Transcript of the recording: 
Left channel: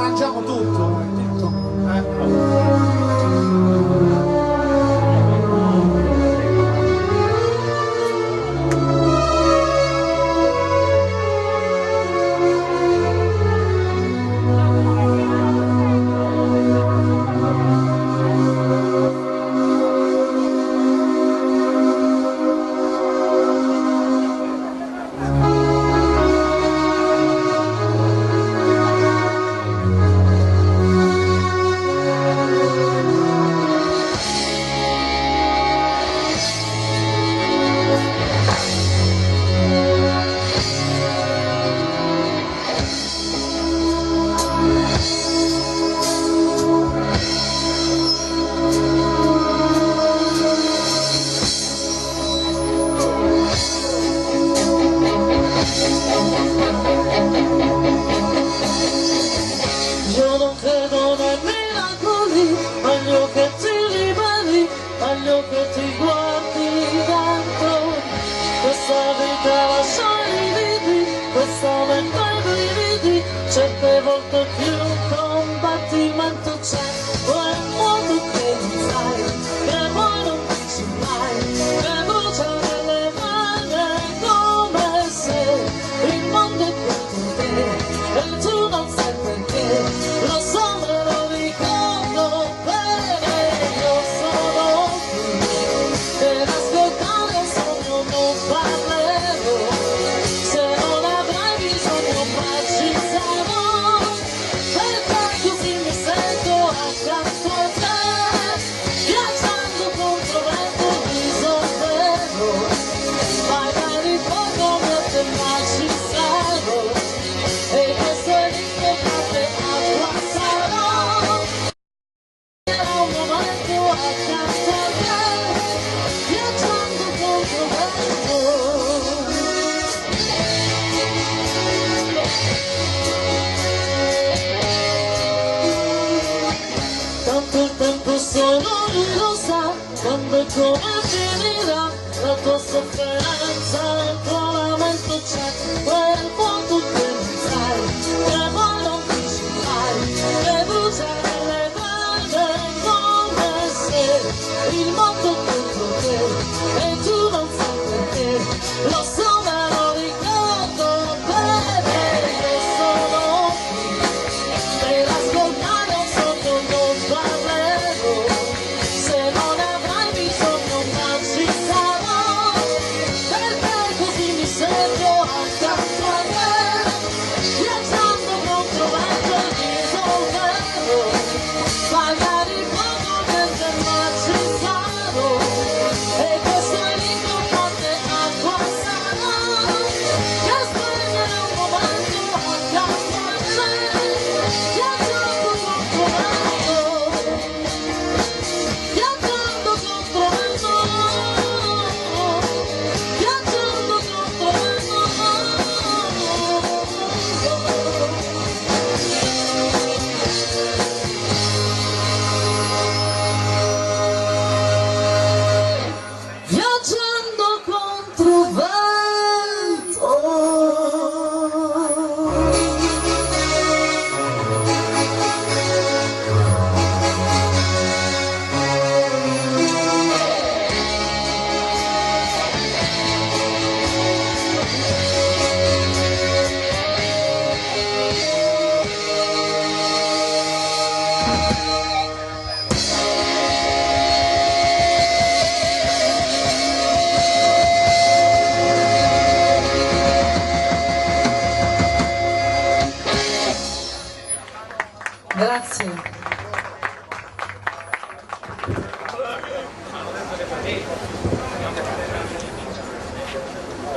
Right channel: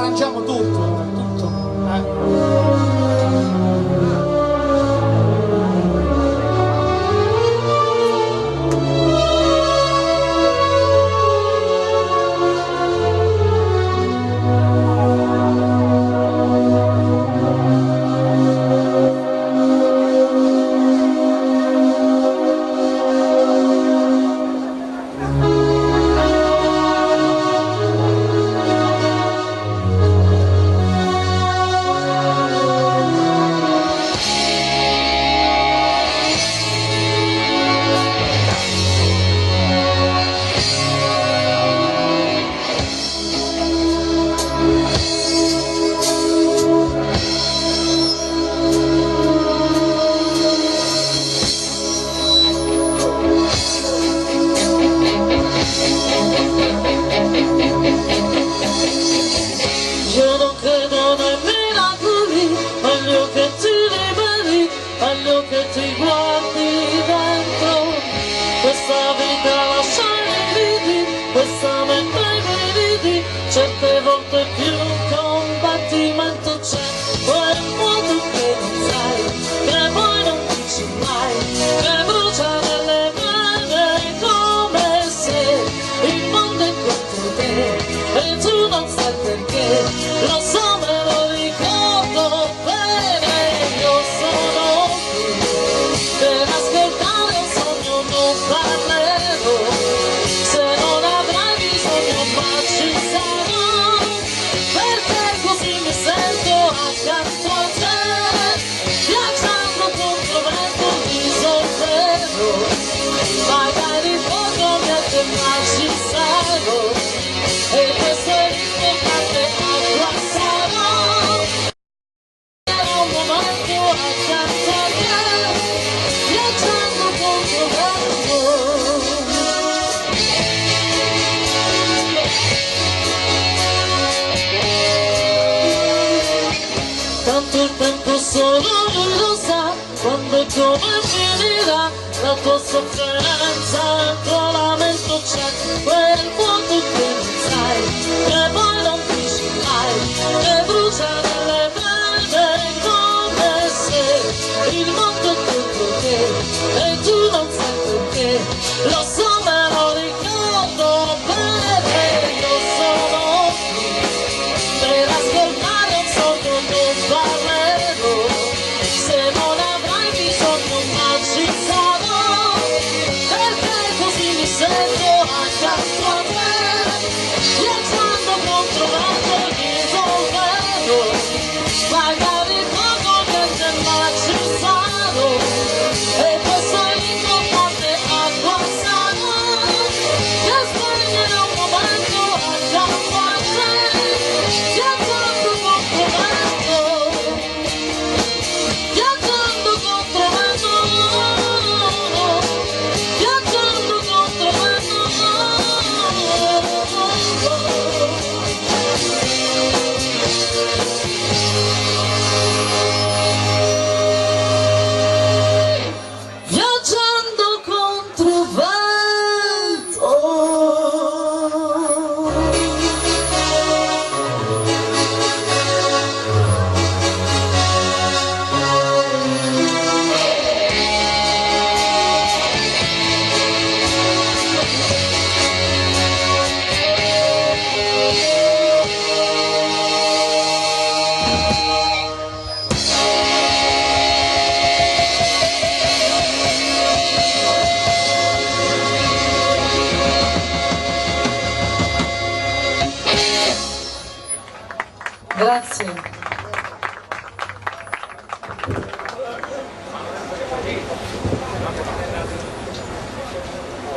mangiamo tutto, tutto. Questa mente ai brividi, certe volte più combattimento c'è, poi un mondo che non sai, che poi non dici mai, che brucia nelle mani come se il mondo è contro te e tu non sai perché, lo so me lo ricordo bene, io sono qui per ascoltare il sogno, non parlerò. Tanto il tempo solo lui lo sa, quando e come finirà la tua sofferenza, il tuo lamento c'è, quel vuoto che non sai, che poi non dici mai, che brucia nelle vene come se il mondo è contro te e tu non sai perché, lo so me lo ricordo bene, io sono qui per ascoltare un sogno, non parlerò, se non avrai bisogno ma ci sarò, perché così mi sento accanto a te, viaggiando contro vento e risolvendo, magari poco niente ma ci sarò, e questo è l'importante acqua sana, che spegnere un momento accanto a te. Viaggiando contro vento, viaggiando contro vento, viaggiando contro vento. Viaggiando contro vento. Grazie.